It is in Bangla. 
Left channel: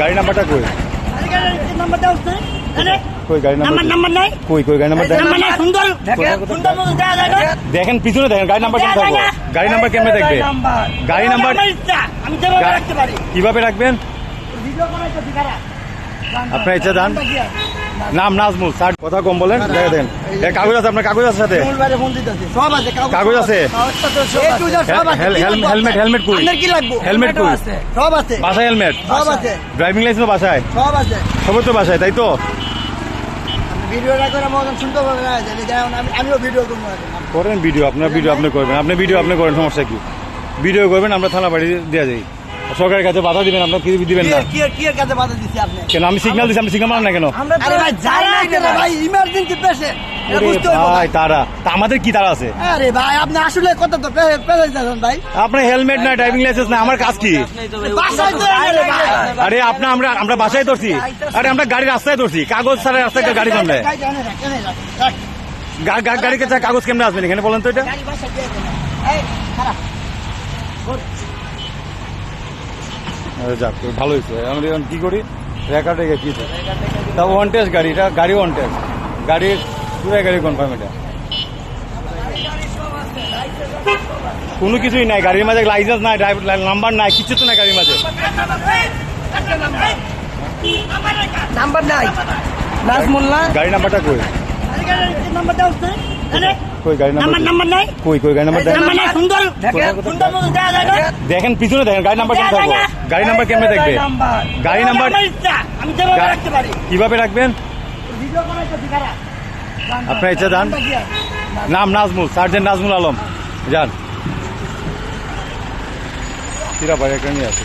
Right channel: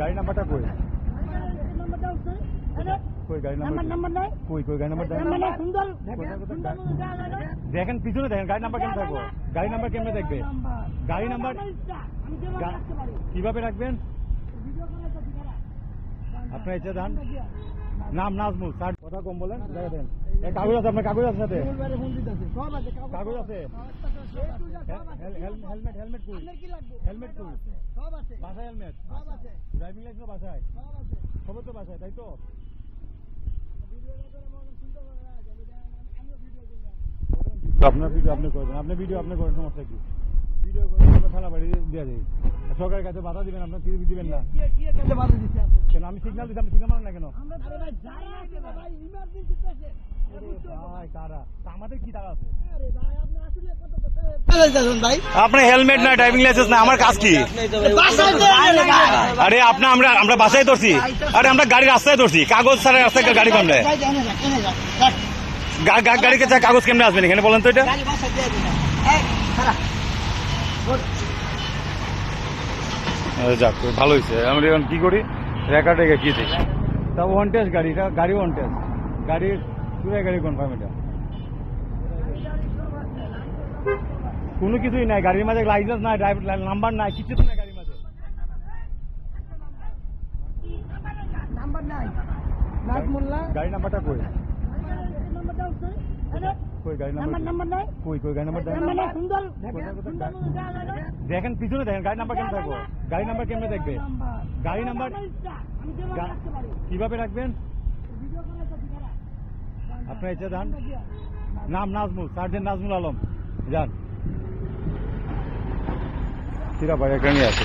গাড়ি নাম্বারটা কই? কই গাড়ি নাম্বার নাই? কই গাড়ি নাম্বার দেখেন, পিছনে দেখেন, গাড়ি নাম্বার কেমন থাকবো? গাড়ি নাম্বার কেমনে দেখবে? গাড়ি নাম্বার কিভাবে রাখবেন? আপনার ইচ্ছা দেন। নাম নাজমুল, স্যার কথা কম বলেন। দেখেন কাগজ আছে, আপনার কাগজ আছে সাথে? কাগজ আছে? হেলমেট হেলমেট কই? হেলমেট কই? বাসায় হেলমেট? ড্রাইভিং লাইসেন্স বাসায়? সবই তো বাসায়, তাই তো? করেন ভিডিও, আপনার ভিডিও আপনি করবেন, আপনি ভিডিও আপনি করেন, সমস্যা কি? ভিডিও করবেন, আমরা থানা বাড়ি দেওয়া যাই। সরকারের কাছে বাধা দিবেন, আপনার কি দিবেন না কেন? আমি সিগন্যাল দিচ্ছি, আপনি সিগন্যাল মানেন না কেন? ভাই তারা আমাদের কি তারা আছে? আরে ভাই আপনি আসলে কত তো ভাই, আপনার হেলমেট না, ড্রাইভিং লাইসেন্স না, আমার কাজ কি? আরে আপনার আমরা বাসায় ধরছি, আরে আমরা গাড়ি রাস্তায় ধরছি, কাগজ ছাড়া রাস্তায় গাড়ি কমবে? গাড়িকে কাগজ কেমনে আসবেন এখানে বলেন তো? এটা যাক ভালো হয়েছে। আমরা এখন কি করি, রেকর্ডে কি দিই? তা ওয়ান টেস্ট গাড়ি, এটা গাড়ি ওয়ান টেস্ট, গাড়ির পুরো গাড়ি কনফার্ম। এটা কোনো কিছুই নাই গাড়ির মাঝে, লাইসেন্স নাই, নাম্বার নাই, কিছু তো নাই গাড়ির মাঝে। নাম্বার নাই, নাজমুল্লাহ গাড়ি নাম্বারটা কই? কই গাড়ি নাম্বার নাই? কই গাড়ি নাম্বার দেখেন, পিছনে দেখেন, গাড়ি নাম্বার কেমন থাকবো? গাড়ি নাম্বার কেমনে দেখবে? গাড়ি নাম্বার কিভাবে রাখবেন? আপনার ইচ্ছা দেন। নাম নাজমুল, সার্জেন্ট নাজমুল আলম, যান। কিরা ভাই একটা নিয়ে আসে।